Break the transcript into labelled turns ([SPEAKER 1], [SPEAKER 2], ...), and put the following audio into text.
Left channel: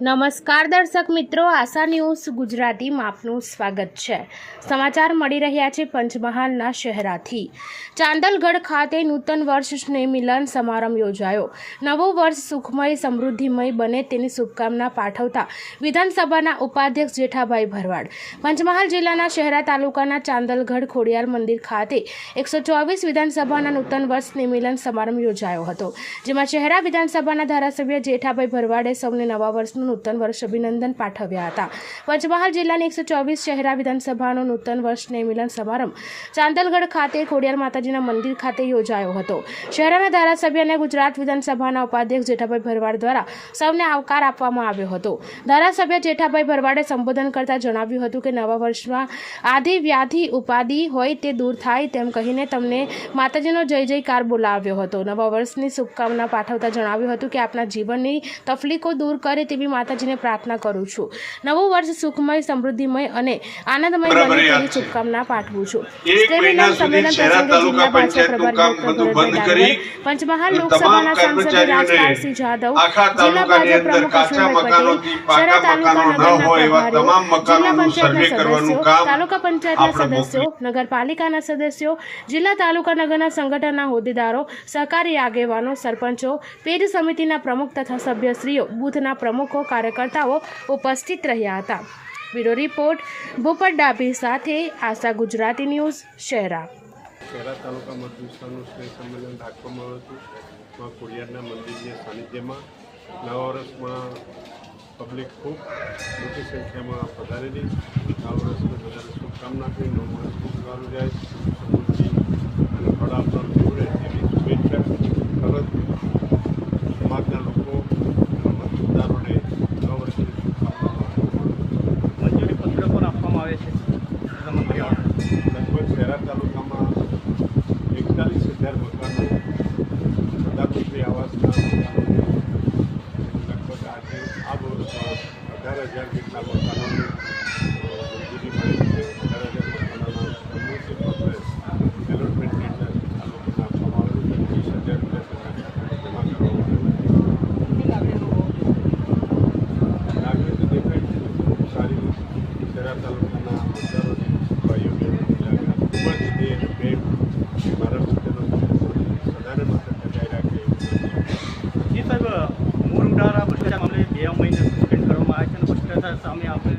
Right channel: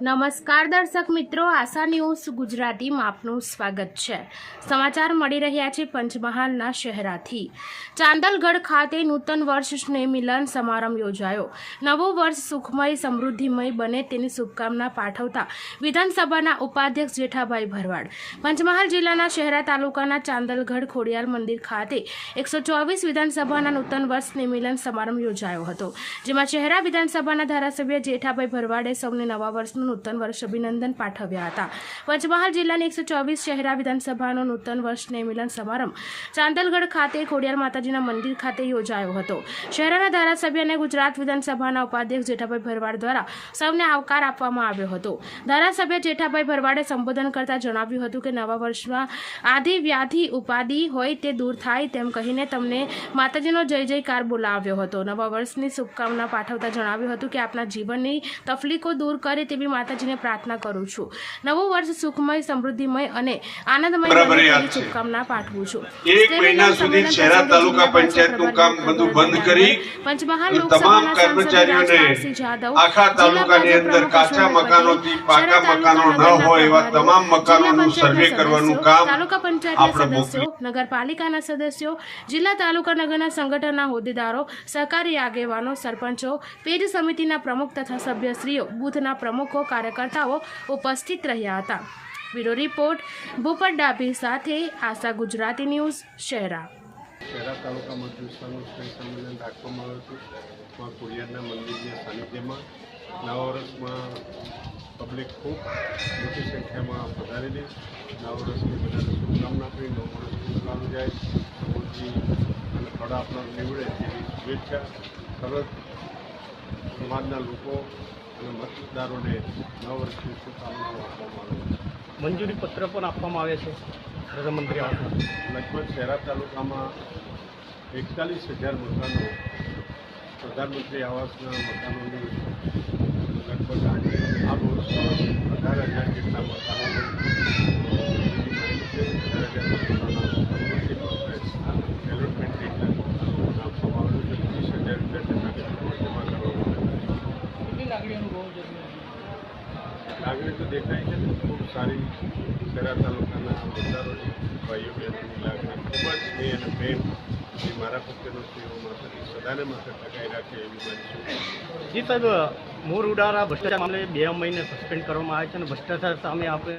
[SPEAKER 1] નમસ્કાર દર્શક મિત્રો, આશા ન્યૂઝ ગુજરાતીમાં આપનું સ્વાગત છે. સમાચાર મળી રહ્યા છે પંચમહાલના શહેરાથી. ચાંદલગઢ ખાતે નૂતન વર્ષ સ્નેહમિલન સમારંભ યોજાયો. નવું વર્ષ સુખમય, સમૃદ્ધિમય બને તેની શુભકામના પાઠવતા વિધાનસભાના ઉપાધ્યક્ષ જેઠાભાઈ ભરવાડ. પંચમહાલ જિલ્લાના શહેરા તાલુકાના ચાંદલગઢ ખોડિયાર મંદિર ખાતે એકસો ચોવીસ વિધાનસભાના નૂતન વર્ષ સ્નેહમિલન સમારંભ યોજાયો હતો. જેમાં શહેરા વિધાનસભાના ધારાસભ્ય જેઠાભાઈ ભરવાડે સૌને નવા વર્ષનું નૂતન વર્ષ અભિનંદન પાઠવ્યા હતા. પંચમહાલ જિલ્લાની એકસો ચોવીસ શહેરા વિધાનસભાનો નૂતન વર્ષને મિલન સમારંભ ચાંદલગઢ ખાતે ખોડિયાર માતાજીના મંદિર ખાતે યોજાયો હતો. શહેરાના ધારાસભ્ય અને ગુજરાત વિધાનસભાના ઉપાધ્યક્ષ જેઠાભાઈ ભરવાડ દ્વારા સૌને આવકાર આપવામાં આવ્યો હતો. ધારાસભ્ય જેઠાભાઈ ભરવાડે સંબોધન કરતા જણાવ્યું હતું કે નવા વર્ષમાં આદિ વ્યાધિ ઉપાધિ હોય તે દૂર થાય તેમ કહીને તમને માતાજીનો જય જયકાર બોલાવ્યો હતો. નવા વર્ષની શુભકામના પાઠવતા જણાવ્યું હતું કે આપના જીવનની તકલીફો દૂર કરે તેવી માતાજીને પ્રાર્થના કરું છું નવું વર્ષ સુખમય સમૃદ્ધિમય અને આનંદમય. શુભકામના પાઠવું છું
[SPEAKER 2] એક મહિના સુધી શહેરા તાલુકા પંચાયતનું કામ બધું બંધ કરી
[SPEAKER 1] પંચમહાલ લોકસભાના
[SPEAKER 2] તમામ
[SPEAKER 1] સાંસદ
[SPEAKER 2] કર્મચારીઓને
[SPEAKER 1] જાદવ,
[SPEAKER 2] આખા તાલુકાની અંદર કાચા મકાનોથી પાકા મકાનો ન હોય એવા તમામ મકાનોનું સર્વે કરવાનું કામ
[SPEAKER 1] તાલુકા પંચાયતના સદસ્યો નગરપાલિકાના સદસ્યો જિલ્લા તાલુકા નગરના સંગઠનના હોદ્દેદારો સહકારી આગેવાનો સરપંચો પેજ સમિતિના પ્રમુખ તથા સભ્યશ્રીઓ બુથના પ્રમુખો કાર્યકર્તાઓ ઉપસ્થિત રહ્યા હતા. બ્યુરો રિપોર્ટ, ભૂપત ડાભી સાથે આશા ગુજરાતી ન્યૂઝ શહેરા
[SPEAKER 3] શહેરા તાલુકા મત વિસ્તારનું સ્નેહ સંમેલન રાખવામાં આવ્યું હતું. માં ખોડિયારના મંદિરની સાનિધ્યમાં નવા વર્ષમાં પબ્લિક ખૂબ મોટી સંખ્યામાં પધારેલી નવા વર્ષની બધાને શુભકામના આપી નવ વર્ષ ખૂબ સારું જાય, સમૃદ્ધિ અને ફળ નીવડે એવી શુભેચ્છા. તરત સમાજના લોકો અને મતદારોને નવા વર્ષની શુભકામનાઓ આપવામાં આવે છે.
[SPEAKER 4] મંજૂરી પત્ર પણ આપવામાં આવે છે.
[SPEAKER 3] લગભગ શહેરા તાલુકામાં એકતાલીસ હજાર મકાનો પ્રધાનમંત્રી આવાસના મકાનોની લગભગ આજે આ વર્ષમાં અઢાર હજાર જેટલા મકાનોની મંજૂરી મળી છે. અઢાર હજાર મકાનોના સમૃદ્ધિ પત્ર એલોટમેન્ટ ડેટા આ લોકોને આપવામાં આવેલું છે ત્રીસ હજાર રૂપિયા તેના જમા કરવામાં આવેલા છે
[SPEAKER 4] કેટલી લાગણી અનુભવ છે
[SPEAKER 3] લાગણી તો દેખાય સારી શહેરા તાલુકાના મતદારોની ભાઈઓ બહેનોની લાગણી ખૂબ જ સ્નેહ અને પ્રેમ એ મારા પ્રત્યેનો મળશે સદાને માટે ટકાઈ રાખે એવું શુભેચ્છા.
[SPEAKER 4] જી સાહેબ મોર ઉડારા ભ્રષ્ટાચાર મામલે બે મહિને સસ્પેન્ડ કરવામાં આવે છે અને ભ્રષ્ટાચાર સામે આપણે